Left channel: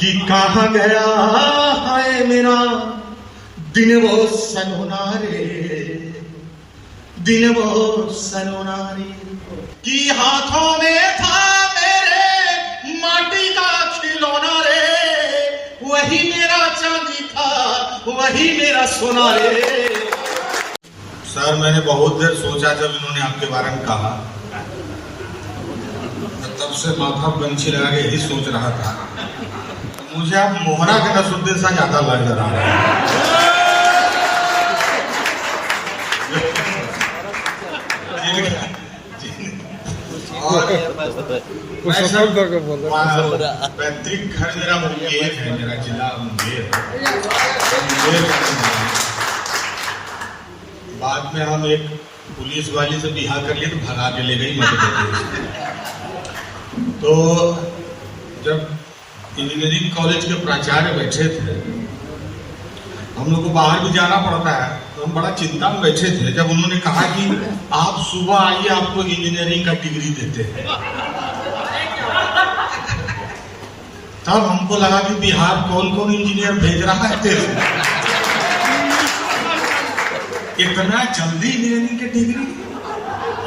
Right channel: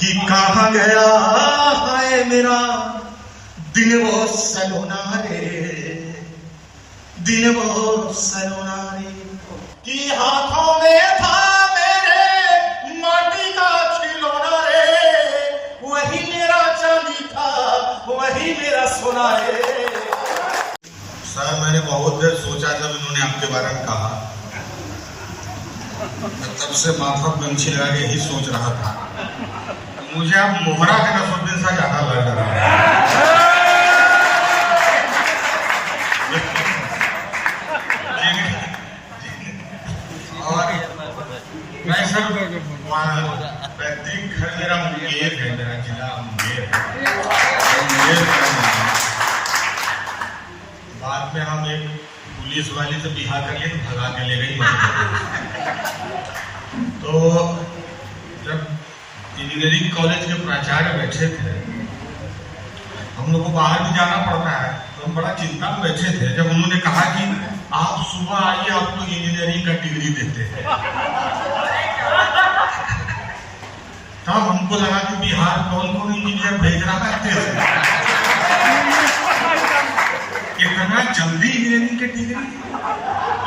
कि कहाँ गया है मेरा दिन वो सलोना रे, दिन वो सलोना रे, कि हाथों में था मेरे माटी का खिलौना रे, वही मेरा चांदी था, वही मेरा सोना रे। सर, मैंने बहुत देर सोचा जब उन्होंने आपके बारे में कहा, तब से माथा गमछी लगा के ही सोच रहा था। मुझे अब मोहरा के नसरुद्दीन सा ज्यादा लग रहा है। पैतृक घर मेरा मुंगेर है, मेरा जिला मुंगेर। बाद में हम एक पुलिस वाली से बिहार कर लिए तो भगा के ले गई मध्य प्रदेश। तो जब इंजीनियरिंग कॉलेज के प्राचार्य बैठे थे, हम लोग को बाहर भी जाना पड़ता है, तो हम बड़ा चिंता में बैठे थे जब उन्होंने कहा कि आप सुबह आइए, आपको इंजीनियरिंग का डिग्री देते हैं। तब हमको लगा कि बिहार कौन कौन इंजीनियर भेज रहा है तेरे, इतना जल्दी इंजीनियरिंग की डिग्री।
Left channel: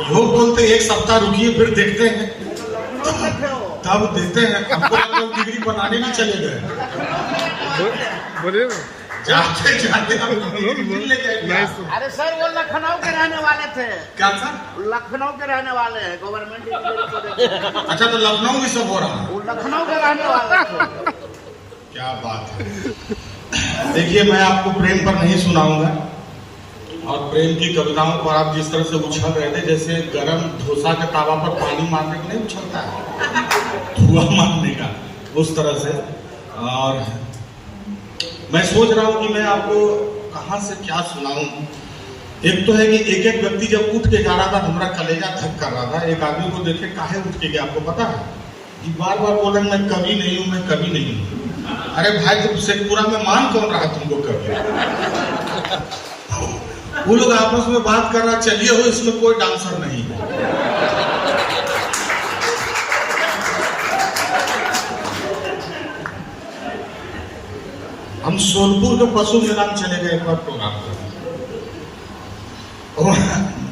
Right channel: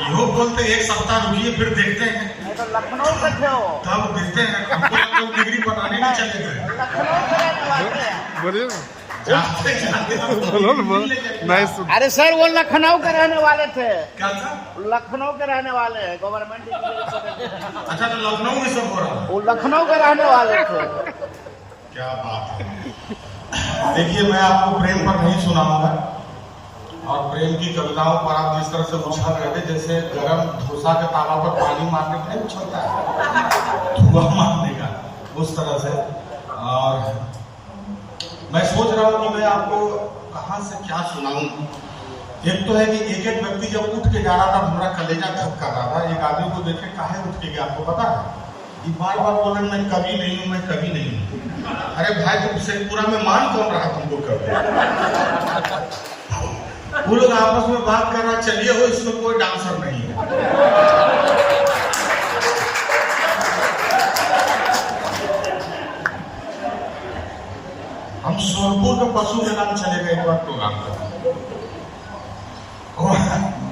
लोग बोलते एक सप्ताह रुकिए फिर देखते हैं, लखनऊ के थे हो, तब देते हैं। हमको डिग्री बनाने में चले गए, जाते जाते अरे सर वो लखनऊ के रहने वाले थे। क्या था? लखनऊ के रहने वाले हैं, गवर्नमेंट। अच्छा, तो लखनऊ में सब हो रहा है। वो लखनऊ के रहने वाले थे। क्या बात है। देखिए, मैं आपको प्रेम पर नहीं सुनाऊंगा, और प्रेम की कविताओं पर आप जिस तरह से उछल रहे थे, जैसे गरम डोसा के तावा पर पानी मारने का नहीं उछलता है, धुआं मारने का, उस तरह से। और मैं सोच रहा हूँ कि मैं आपको कहाँ से क्या सुनाऊं। एक तो है कि एक एक व्यक्ति जब उठ के जा रहा था, हमारा कलेजा धक कर रहा था। एक आदमी को देखे काहे उठ के गया, आपको पता है? कि बार बार बोल रहे मैं कभी नहीं हूँ, मैं कभी नहीं हूँ। अरे भाई, तुम शेखपुरा में मान कौन रहा तुमको कभी? वो लोग आपस में बात कर रहा, चलिए हो, इसमें कोई डांसर नहीं है। हम सोनपुर के पशु मैदान चले गए एक बार प्रोग्राम कर,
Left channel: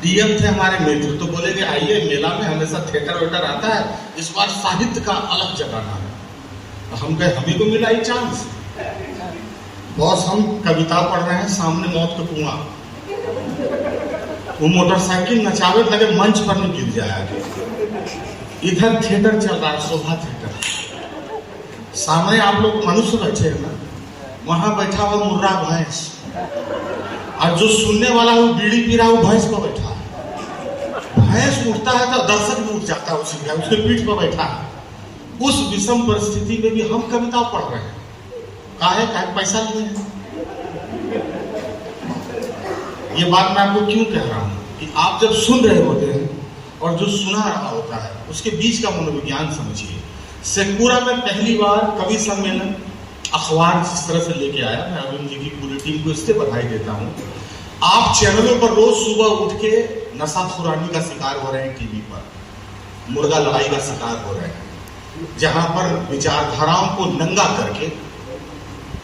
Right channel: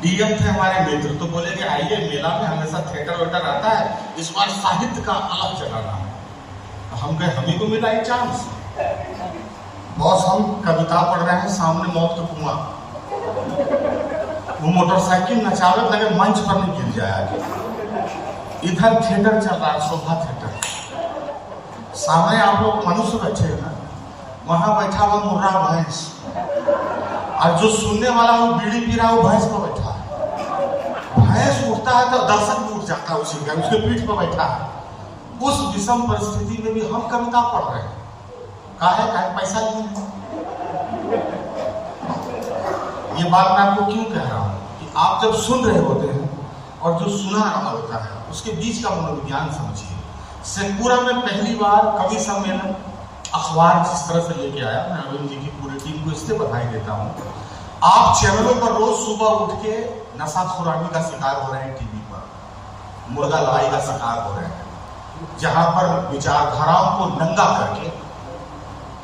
डीएम थे हमारे मित्र, तो बोले कि आइए, मेला में हमेशा थिएटर वेटर आता है, इस बार साहित्य का अलग जगाना है। तो हम कहे हमें को मिला ही चांस। बॉस, हम कविता पढ़ रहे हैं, सामने मौत का कुआं, वो मोटरसाइकिल नचावे लगे, मंच पर नहीं गिर जाएगा। इधर थिएटर चल रहा है, शोभा थिएटर। सामने आप लोग मनुष्य बैठे हैं ना, वहां बैठा वो मुर्रा भैंस, और जो सुनने वाला वो बीड़ी पी रहा है, वो भैंस पर बैठा है। भैंस उठता है तो दर्शक भी उठ जाता है, उसके पीठ पर बैठा है। उस विषम परिस्थिति में भी हम कविता पढ़ रहे हैं। काहे पैसा नहीं है। ये बात मैं आपको क्यों कह रहा हूं कि आप जब सुन रहे होते हैं और जो सुना रहा होता है, उसके बीच का मनोविज्ञान समझिए। शेखपुरा में पहली बार कवि सम्मेलन अखबार जिस तरह से लेके आया, मैं अरुण जी की पूरी टीम को इससे बधाई देता हूं। आप चैनलों पर रोज सुबह उठ के नशाखुरानी का शिकार हो रहे हैं, टीवी पर मुर्गा लड़ाई का शिकार हो रहे हैं, जहां पर विचारधाराओं को नंगा करके,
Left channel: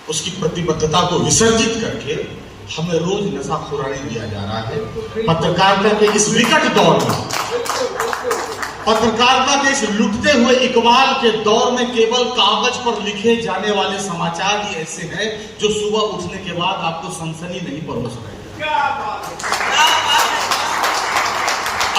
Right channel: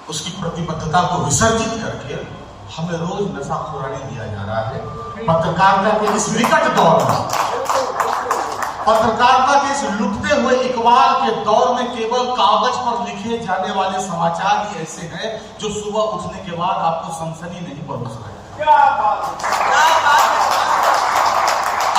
उसकी प्रतिबद्धता को विसर्जित करके हमें रोज नशाखोरानी दिया जा रहा है। पत्रकारिता के इस विकट दौर में, पत्रकारिता के इस लुटते हुए इकबाल के दौर में, केवल कागज पर लिखे जाने वाले समाचार ही ऐसे हैं जो सुबह उठने के बाद आपको सनसनी नहीं परोस रहे।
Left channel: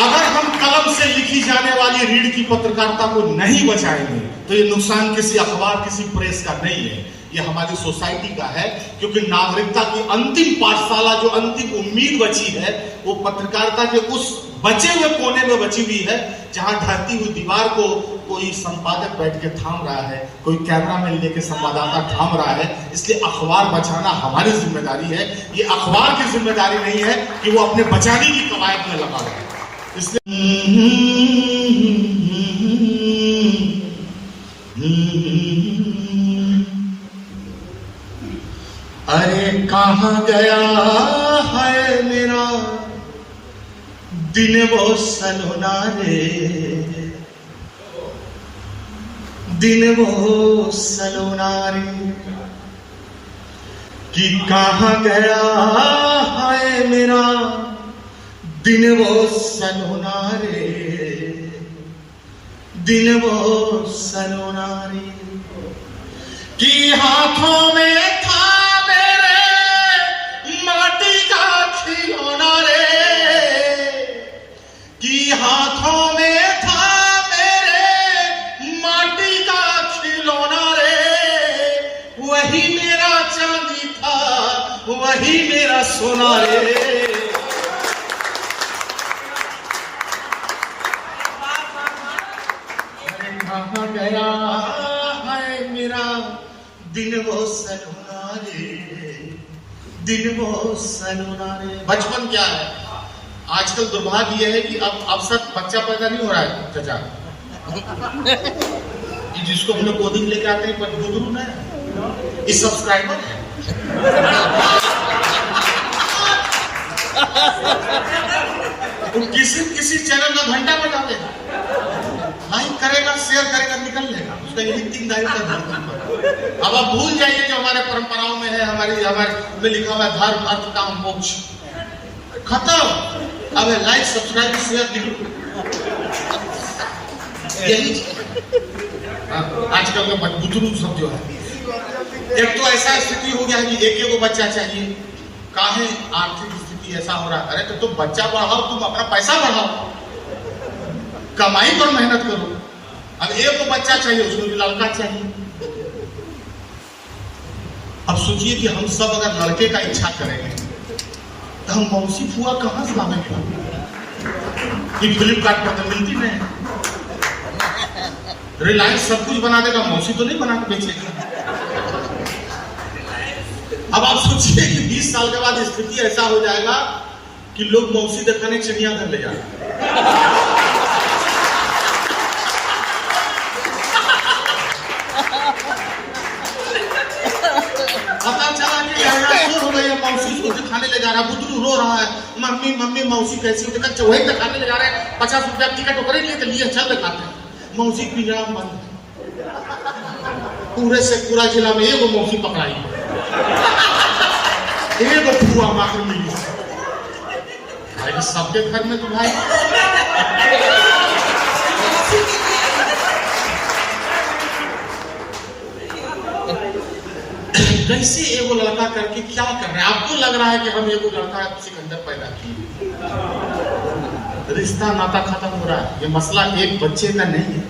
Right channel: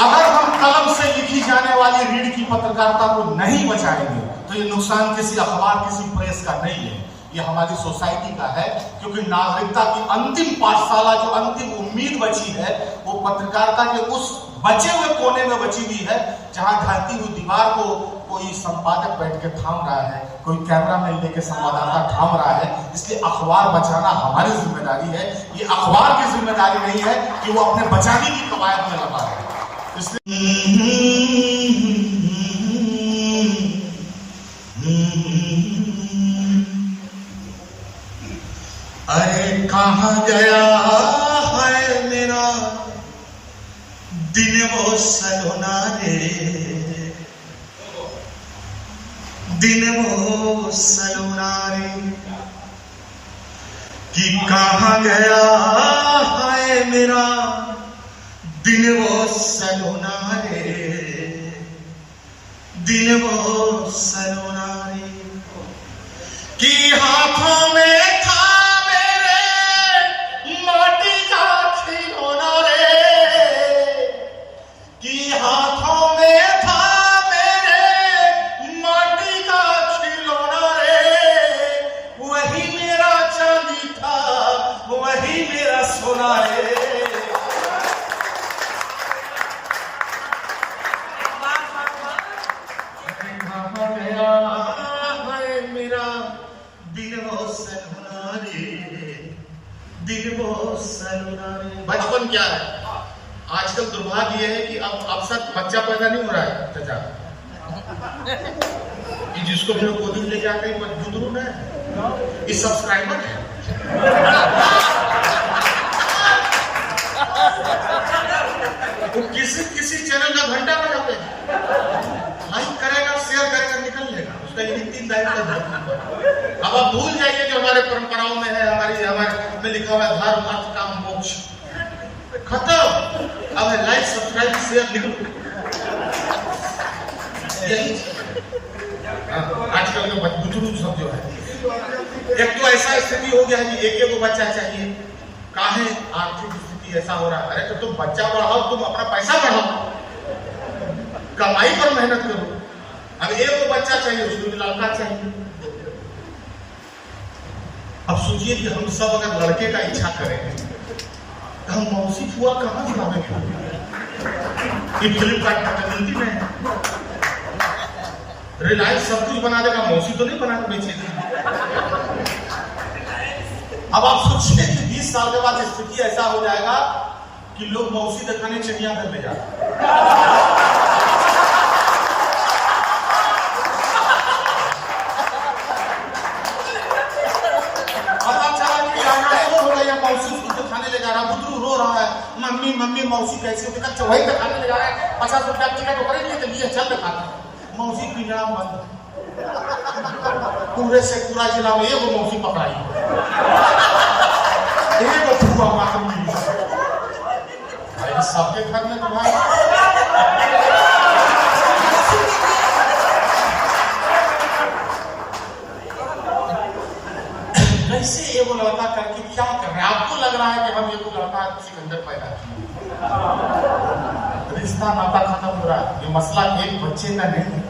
अगर हम कलम से लिखी जाने वाली रीढ़ की पत्रकारिता को नहीं बचाएंगे, तो ये नुकसान किसी अखबार, किसी प्रेस का नहीं है, ये हमारी सोसाइटी का है। क्योंकि नागरिकता की अंतिम पाठशाला, जो अंतिम उम्मीद बची है, वो पत्रकारिता के उस बचे हुए कोने में बची हुई है, जहां ढहती हुई दीवार को कोई संपादक बैठ के थाम रहा है, कोई कैमरामैन लेके संवाददाता थाम रहा है। इसलिए अखबार बचाना हमारी जिम्मेदारी है। ये अखबार की जिम्मेदारी नहीं है कि वो अपने बचाने की कवायद में लगा है। इसलिए अरे कहाँ गया है मेरा दिन वो सलोना रे, दिन वो सलोना रे कि कहाँ गया है मेरा दिन वो सलोना रे, दिन वो सलोना रे कि हाथों में था मेरे माटी का खिलौना रे, कि हाथों में था मेरे माटी का खिलौना रे, वही मेरा चांदी था वही मेरा सोना रे। कहाँ गया है मेरा दिन वो सलोना रे, दिन वो सलोना रे। बचपन क्या है, आजकल दुर्भाग्य यह है कि अब सब बच्चा पैदा नहीं हो रहा है चाचा। जिसको हम लोग कोडिंग लेके आते हैं पर बुजुर्ग ना इस सब्सक्राइबर है। तो किसी चैनल का घंटा बजाते हैं, लाइक करेगा शेयर करेगा निकल लेगा, उसका यही 3 दायित्व है। अब आप भूल जाइए जो हमारे परंपराओं में है, हमारे में लिखा हुआ धर्म अर्थ काम मोक्ष खत्म। अब लाइक सब्सक्राइब शेयर लिखो, यही आजकल के बुजुर्ग सब जो है। एक तो ऐसा स्थिति हो गया है कि एक बच्चा चाहिए, काहे आर्थिक स्थिति ऐसा हो रहा है। अरे तो तुम बच्चा बढ़ाओ, तुम अपना पैसा बढ़ाओ, कमाई पर मेहनत करो। अब एक बच्चा चाहिए, उसको भी लड़का चाहिए। अब सोचिए कि हम सब अगर लड़के का इच्छा करेंगे तो हम मौसी फुआ कहां से लाएंगे? कि फ्लिपकार्ट पर तो मिलती नहीं, रिलायंस सब कुछ बना देगा, मौसी तो नहीं बना के बेचेगी। अब आप सोचिए कि 20 साल के बाद स्थिति ऐसा हो जाएगा कि लोग मौसी दिखाने चिड़ियाघर ले जाए। पता चला कि हो रहा है, मौसी को दिखाने ले जा रहा, बुजुर्ग रो रहा है, मम्मी मम्मी मौसी कैसी होती है, वही दिखाने ले जा रहा है। 50 रुपया टिकट उतरे लिए चल दिखाते हैं। मौसी पिंजरा बंद, पूरे से पूरा जिला में एक मौसी पकड़ाई, एक फुआ मार मिली। सबके घर में तो भाई कैसे एगो लड़का करके क्या कर रहे हैं? आपको लग रहा है कि हम एगो लड़का सिकंदर पैदा किए, रिश्ता नाता खत्म हो रहा है। ये मसला एक बच्चे का नहीं है।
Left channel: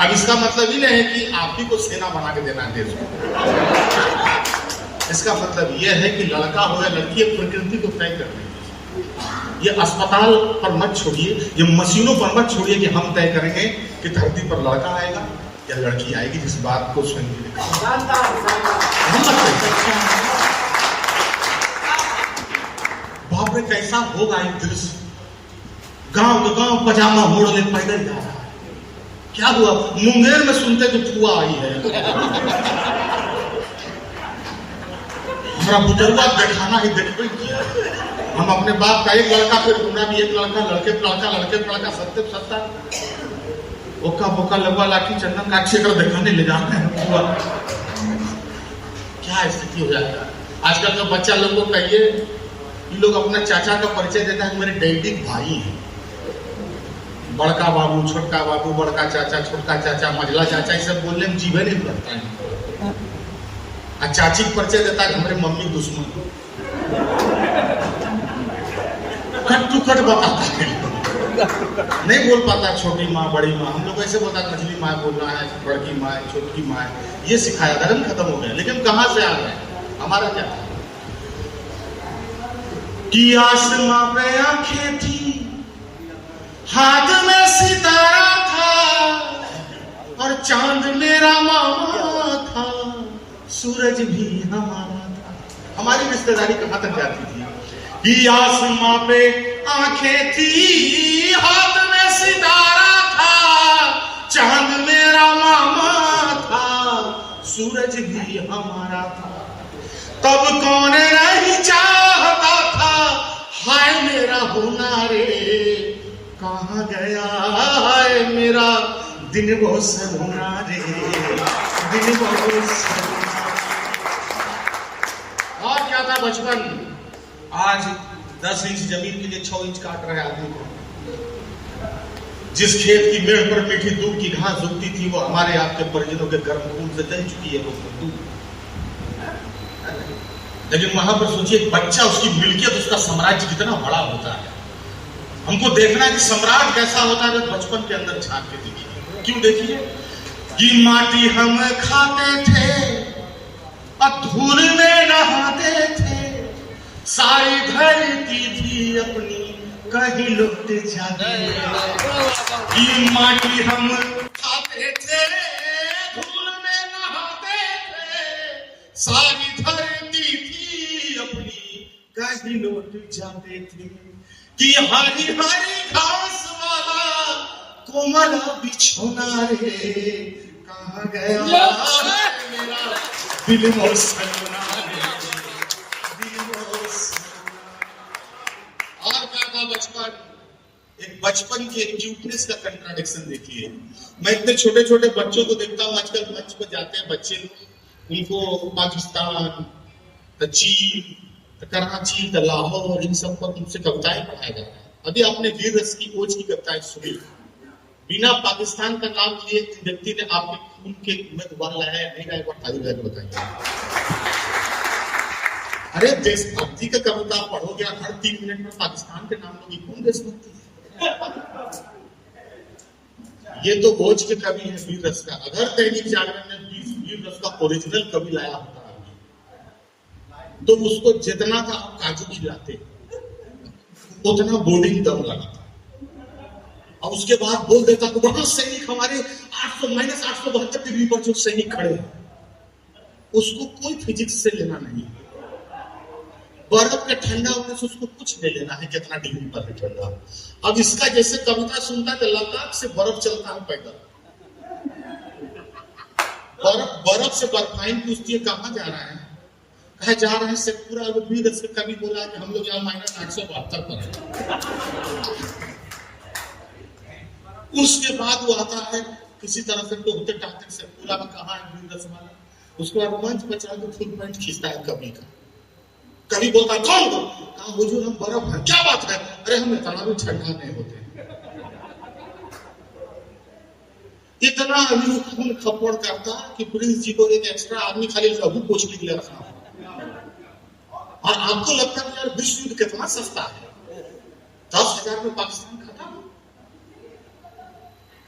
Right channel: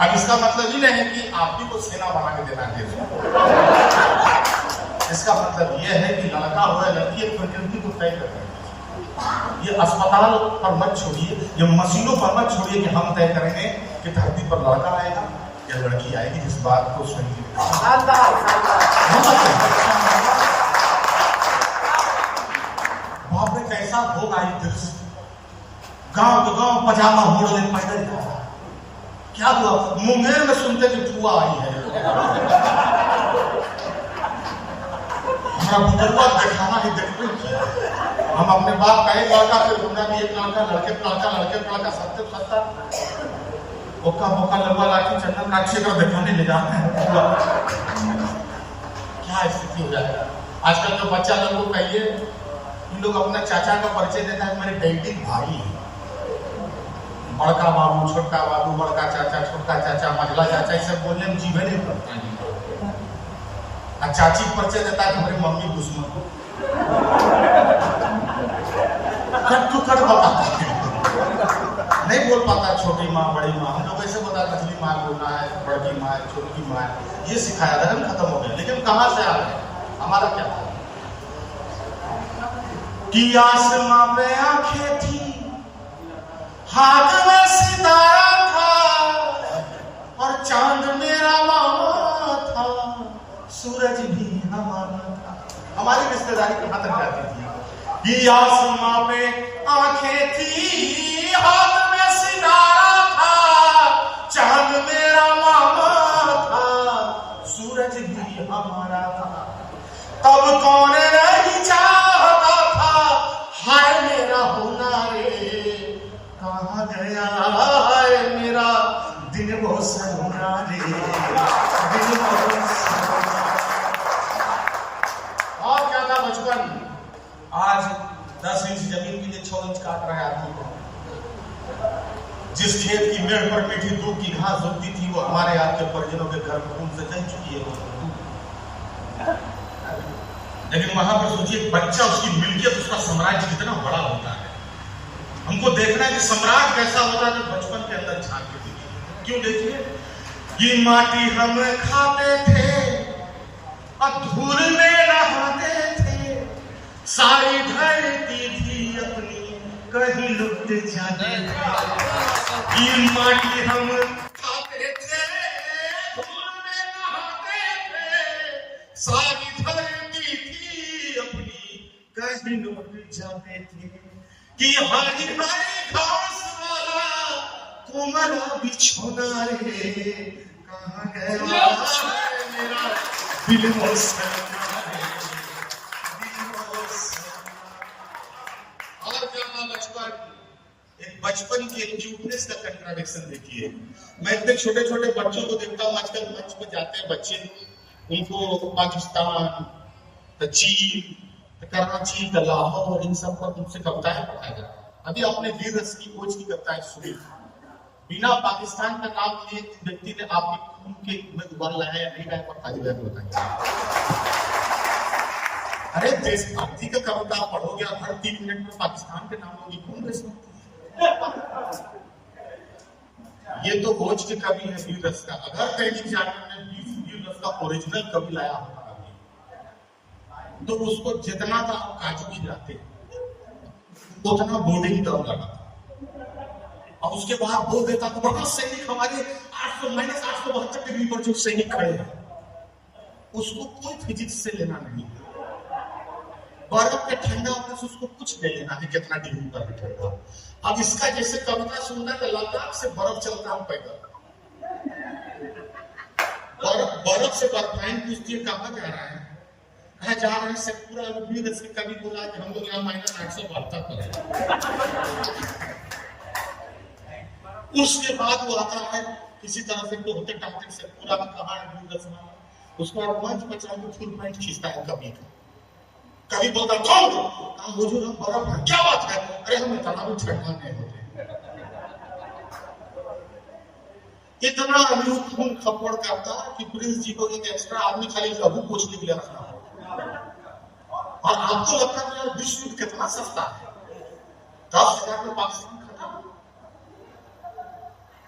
अब इसका मतलब ही नहीं है कि आप ही को सेना बना के देना है देश को। इसका मतलब यह है कि लड़का हो या लड़की प्रकृति को तय करना है। ये अस्पताल पर मत छोड़िए, ये मशीनों पर मत छोड़िए कि हम तय करेंगे कि धरती पर लड़का आएगा या लड़की आएगी, जिस बात को स्वयं बाप रे कैसा होगा ये दृश्य। गांव तो गांव पजामा मोड़ ले पैदल जा रहा है। क्या हुआ? मुंगेर में सुनते कि फुआ आई है। हमारा बुजुर्ग दिखाना ही देखते किया। हम अपने बाप का एक लड़का, फिर उनका भी एक लड़का, लड़के पर लड़का सत्य सत्ता ओका बोका लंबा लाठी चंदन काठी कर दिखाने ले जाते हैं। क्या स्थिति हो जाएगा आजकल तो बच्चा लोग को कहिए, इन लोग अपने चाचा का परिचय देते हैं, मेरे डैडी भाई हैं। बड़का बाबू, छोटका बाबू, बड़का चाचा, छोटका चाचा, मझला चाचा, ये सब बोलने में जीवे नहीं पड़ता है। और चाची का परिचय देता है हमारी मम्मी दुश्मन, कट टू कट बताता है, नहीं बोल पाता छोटी माँ बड़ी माँ। हम लोग ऐसे बता मछली माँ बोलना है, बड़की माँ छोटी माँ, ये सिखाया, धर्म खत्म हो गया। लेकिन कहां से आ गए? हमारा क्या था कि आसमां पे आंखें थी, हाथ में सितारा था, और चांद मेरा मामा था, सूरज भी हमारा था। हमारी रिश्तेदारी कहां तक जाती थी कि आसमां पे आंखें थी, हाथ में सितारा था, चांद मेरा मामा था, सूरज भी हमारा था। तब कौन नहीं चाहता था, हाय मेरा होना रे, कहाँ गया है मेरा दिन वो सलोना रे, दिन वो सलोना। और क्या था बचपन, आज 10 इंच जमीन के लिए 6 इंच काट रहे आदमी को। जिस खेत की मेड़ पर मीठी दूध की घास उगती थी, वो हमारे आपके परिजनों के गर्म खून से दह चुकी है वो। लेकिन वहां पर सोचिए, बच्चा, उसकी मिल्कियत, उसका साम्राज्य कितना बड़ा होता है। हमको देखना है कि सम्राट कैसा होता है, बचपन के अंदर झांक के देखिए। क्यों देखिए कि माटी हम खाते थे और धूल में नहाते थे, सारी धरती थी अपनी कहीं लुट जाते। कि माटी हम खाते थे, धूल में नहाते थे, सारी धरती थी अपनी कहीं लुट जाते थे। कि हरी हरी घास वाला कोमल बिछौना रे, कहाँ गया मेरा दिल मौसमा रे, दिल मौसमा। और क्या था बचपन, एक बचपन की एक क्यूटनेस का कंट्राडिक्शन देखिए। मैं इतने छोटे छोटे बच्चों को देखता हूँ आजकल, मंच पर जाते हैं बच्चे, उनको पाकिस्तान, चीन, कराची, लाहौर, इन सब पर उनसे कविताएं पढ़ाया जा रहा है। अभी आपने वीर रस की खोज की कविताएं सुनी, बिना पाकिस्तान का नाम लिए व्यक्ति ने आपके खून के उम्मीदवार लाया या नहीं लाया, बताइए। अरे देशभक्ति का कविता पढ़ोगे, हर 3 मिनट में पाकिस्तान के नाम होगी, कौन देशभक्ति? ये तो खोज के कवि है वीर रस का। अगर दैनिक जागरण ने वीर रस का ओरिजिनल कवि लाया होता तो उसको जितना था काजू खिलाते, उतना बोर्डिंग दम लगाता, और उसके बाद बोल देता तो बहुत सैनिक हमारे 872 डिग्री पर जो सैनिक खड़े हैं, उसको कोई फिजिक्स से लेना नहीं, बर्फ के ठंडा होने से उसको कुछ नहीं लेना है कितना डिग्री पर है ठंडा। अब इसका जैसे कविता सुनता है, लद्दाख से बर्फ चलता हूं पैदल, बर्फ से बर्फाइन पूछती है कहां जा रहा है, कहा जा रहे हैं शेखपुरा। वीर रस के कवि बोला कि हम लोग यहाँ -872 पर है। उसके बाद वो आता है किसी तरह से तो होते टाटे शेखपुरा में कहा है वीर रस वाला, उसको मंच पर चढ़ा के फुल पैंट खींचता है कवि का। कवि बोलता कौन, कहा हुजूर हम बर्फ है, क्या बात है, अरे हम इतना भी ठंडा नहीं होते। इतना अभी खून खपड़ करता कि प्रिंस जी को एक एक्स्ट्रा आदमी खाली लघु कोच के लिए रखना। और आपको लगता है यार विश्व युद्ध कितना सस्ता है, 10,000 में पाकिस्तान खत्म।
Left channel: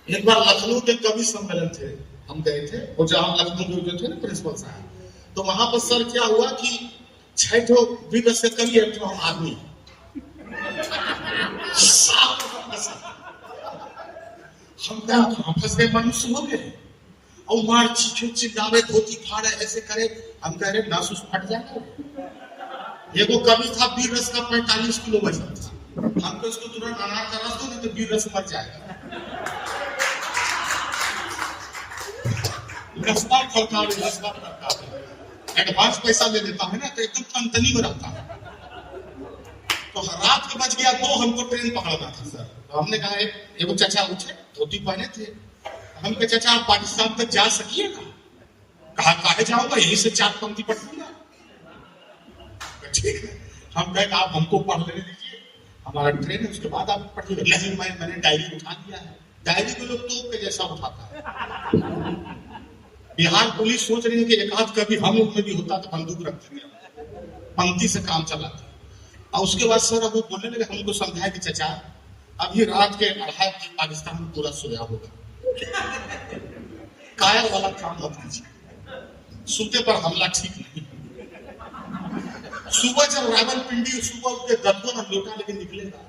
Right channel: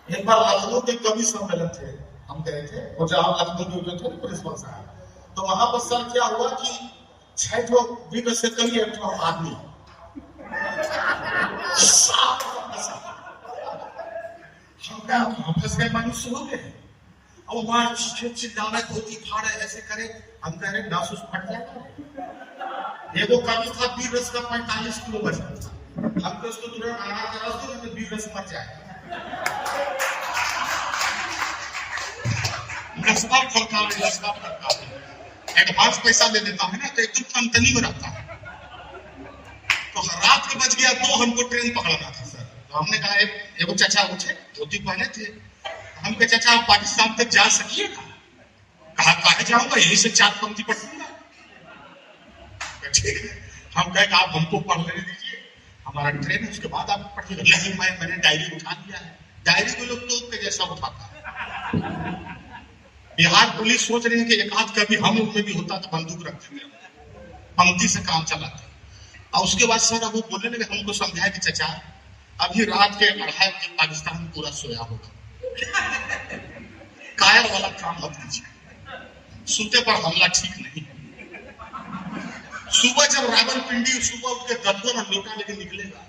एक बार लखनऊ के कवि सम्मेलन थे, हम गए थे, और जहां लखनऊ के थे प्रिंसिपल साहब, तो वहां पर सर क्या हुआ कि 6 वीर रस के कवि, 1 आदमी, हम फंस गए, मनुष्य हो गए, और मार चीखे चिल्लावे, धोती फाड़े, ऐसे करे। हम कह रहे नासूस फट जाएगा। ये तो कवि था वीर रस का 45 किलो वजन था, हमको इसको तुरंत मना करा दो नहीं तो वीर रस मर जाएगा। एडवांस पैसा ले लेता है ना, तो एकदम कंपनी में रहता है। तो रात को बज गया 2, हमको ट्रेन पकड़ना था सर। तो हमने कहा एगो चाचा उठे, धोती पहने थे, हम कहे चाचा आप पाकिस्तान तक जा सकिएगा? कहा काहे जाऊंगा, यही से 4 पंक्ति पढ़ूंगा। ठीक है, हम कहे आप हमको पढ़ लेने दीजिए, हमारा ट्रेन है, उसके बाद आप पढ़िएगा। नहीं मैंने डायरी उठा लिया है। डायरी को लोग तोप के जैसा उठाता है। बिहार पुलिस सोच रही है कि एक आध कभी हम लोग में भी होता तो बंदूक रख देंगे, पंक्ति से काम चलाते। और उसके बाद सर वो बोलने लगे, हमको समझाया कि चाचा अभी रात के 2:30 बजे पाकिस्तान में पूरा सोया होगा, कायल वाला काम मत कीजिए, सुते पर हमला ठीक नहीं। सुबह जब रावलपिंडी सुबह उठ के दत्तों में लोटा लेके निकलेगा,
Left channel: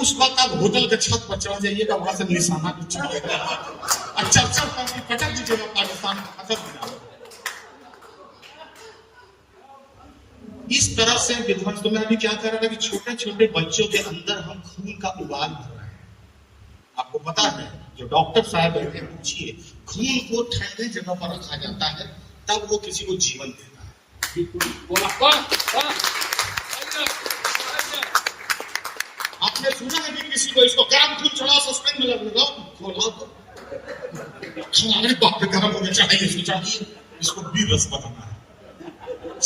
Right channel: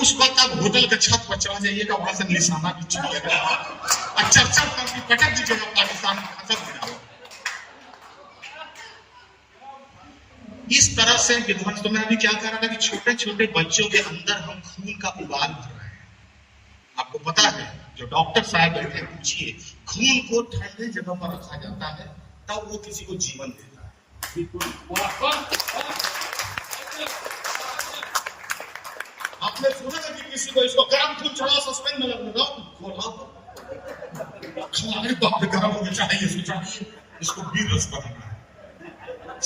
उस वक्त आप होटल के छत पर चढ़ जाइएगा, वहां से निशाना भी चुनिएगा और चर्चा करके पटक दीजिएगा, पाकिस्तान खत्म हो जाएगा। इस तरह से विध्वंस। तो मैं भी क्या कर रहा था कि छोटे छोटे बच्चों के अंदर हम खून का उबाल भर रहे हैं। आपको पता है, जो डॉक्टर साहब बैठे पूछिए, खून को ठंडे जगह पर रखा जाता है तब वो किसी को जीवन देता है। आप आपने सुना है कि किसी को इसको गर्म खून चढ़ाओ सस्पेंस में लगाओ खोलाओ तो हमारे बाप गर्म होने चाहिए इसको चाहिए इसको भी रस बनाना है।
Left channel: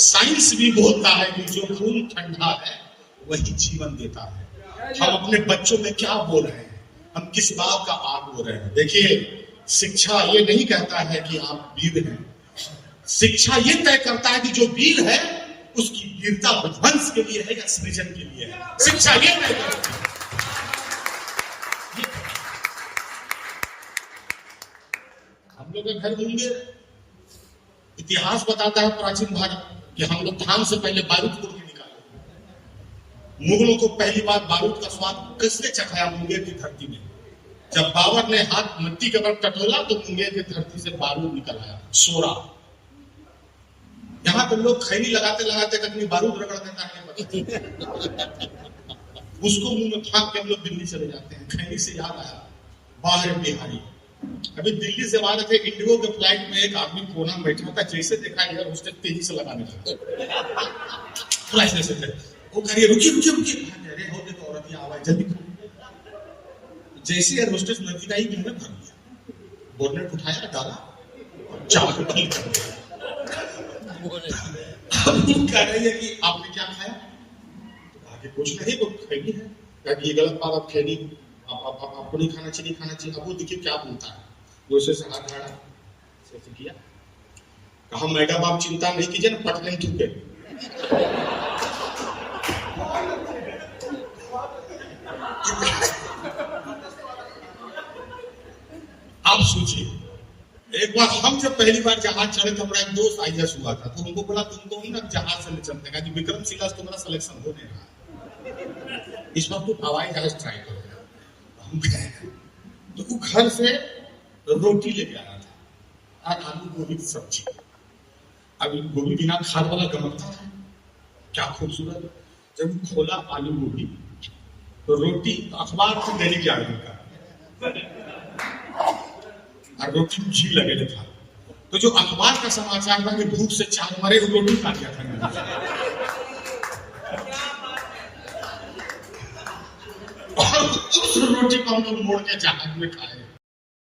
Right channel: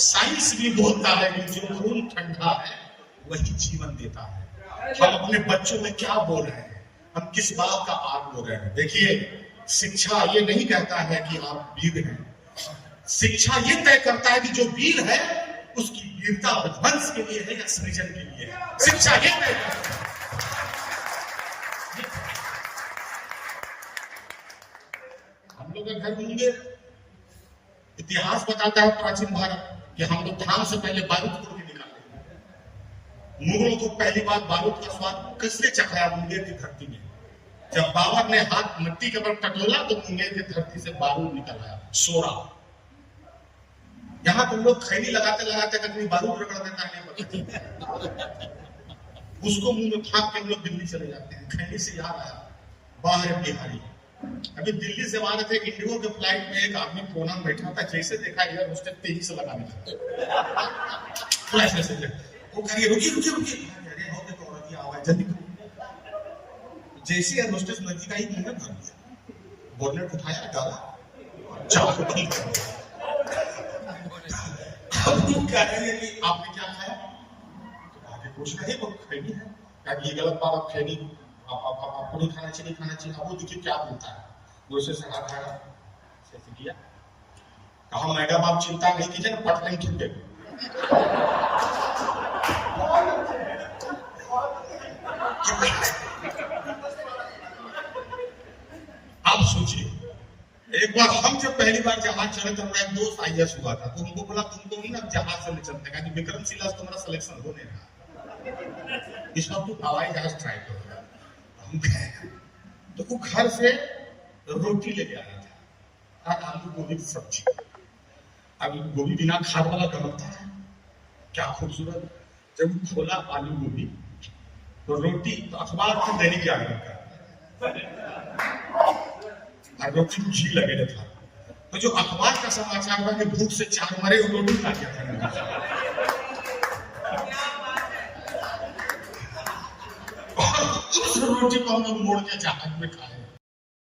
साइंस भी बोलता है कि जो खून ठंडा है वही जीवन देता है। हम अपने बच्चों में क्या बोल रहे हैं, हम किस बात का आग बोल रहे हैं। देखिए शिक्षा ये नहीं कहता है कि आप वीर हैं, शिक्षा ये तय करता है कि जो वीर है उसकी वीरता विध्वंस के लिए है या सृजन के लिए है। शिक्षा ये तय करता है। हम लोग घर घूमेंगे, इतिहास बताता है प्राचीन भारत कि हम लोग धान से पहले बारूद तोड़ के निकाले। मुगलों को पहली बार बारूद का स्वाद किसने चखाया? मुंगेर की धरती में। जब बाबर ने हाथ मिट्टी के ऊपर टटोला तो मुंगेर की धरती से बारूद निकल आया, सोरा। यहाँ तो लोग खैनी लगाते लगाते अपनी बारूद रगड़ देता है, उसको मुंह में फाँक के हम लोग दिल्ली चले जाते हैं। खैनी से याद आया, बाहर बिहारी अभी दिल्ली से आ रहे थे, इंडिगो के फ्लाइट में एक आदमी कोना में बैठा था, जैसे देखा एयर होस्टेस तेजी से लगाने लगा। वो कह रही रुकिए रुकिए रुकिए, अरे हो गए तो औरत ही आवाज जल्दी। जैसे एयर होस्टेस नजदीक आई तुमने भर दिया, बोनट उठाया डाला, चाकू ठीक कर दिया। अब कह रही है कि आपने क्या खाया? तो आगे कुछ नहीं, वो खैनी है। क्या ये गलत बात, आप खैनी आपको नहीं खाना चाहिए, खाना चाहिए। अब वो देखिए क्या बोलता है, दूसरे से हाथ खड़ा ऐसे किया, कहा मैडम आप चिंता नहीं कीजिए ना, पट नहीं टूटे। आप सोचिए, एक बार हम जब पहली बार जहाज चढ़े थे, हमारा एक दोस्त IAS हुआ था, तो हमको बोला तुम तो ना जहाज से नहीं चलते का, विक्रमशिला से तुम्हारा सिलेक्शन हो नहीं रहा, इस बार तुम हवाई जहाज ट्राई करो। तो वो घर से रोटी लेके आया था और आलू गोभी की सब्जी। अब गोभी बिना खाद वाला गमकता था, क्या खूबसूरत। जब खोला आलू गोभी तो रोटी तो अखबार की दैनिक जागरण का और रोटी में घी लगे था। तो जो अखबार का समाचार था कि भूख से चार मरे, वो रोटी खा गया था। और उस रोटी को हम लोग मोड़ के जहाज में खाए।